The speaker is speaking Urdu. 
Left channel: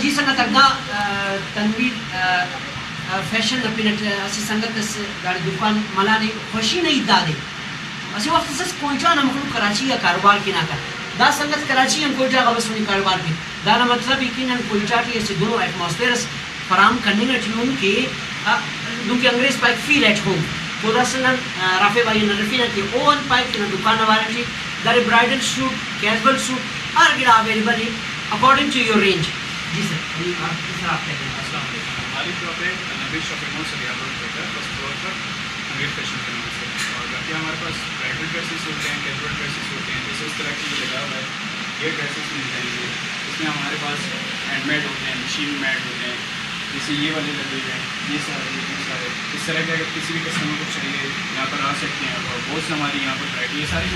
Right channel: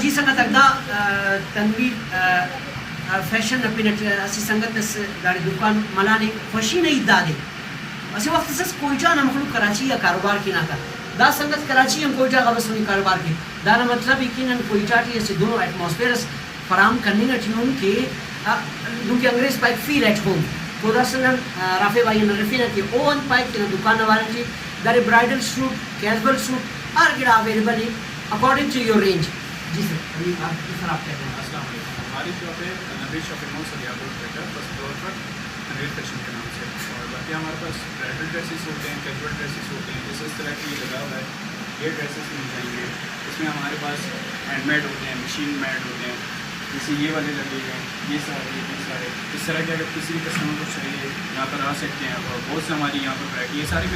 جی سنگت اگدا تنویر فیشن پینٹ اسی سنگت اس دار دکان ملانی خوشی نہیں دادے اسی وقت سے کوئٹہ نہ مخلوق کراچی یا کاروبار کی نہ کر دا سنگت کراچی ہم کوئٹہ کا بس کاروبار کی دا مطلب یقیناً کوئٹہ کی ایسے دونوں ایٹماسفیئرس فراہم کرنے کا چنون کہ دوں کے انگریز پائک فیل ایٹ ہوم تو دا سنگت رافع بھائی نرفی نہ کی اون پائک کی دکان نوارن کی دار برائڈل سوٹ کیجول سوٹ ہر گڑا اویلیبل ہے اکارڈنگ ٹو یور رینج. جی سر سر آپ کہتے ہیں. السلام علیکم. ہماری شاپ ہے Nabi shopping mall Sariab road Quetta first floor پر انگریز فیشن کے نام سے. اور باقی ہمارے پاس برائڈل ڈریسز ہوتے ہیں, کیجول ڈریسز ہوتے ہیں, جیسے اس طرح کی جو لگا ہوا ہے یہ ڈریسز مل جائیں گے. اس میں ہمارے پاس ہینڈ میڈ ہوتے ہیں, مشین میڈ ہوتے ہیں, جیسے یہ والے لگے ہوئے ہیں, یہ سارے اس طرح کے اگر کسی بھی کسٹمر کو چاہیے یہاں پر آ سکتے ہیں. اور بہت سے ہماری یہاں پر ورائٹی ہے ساری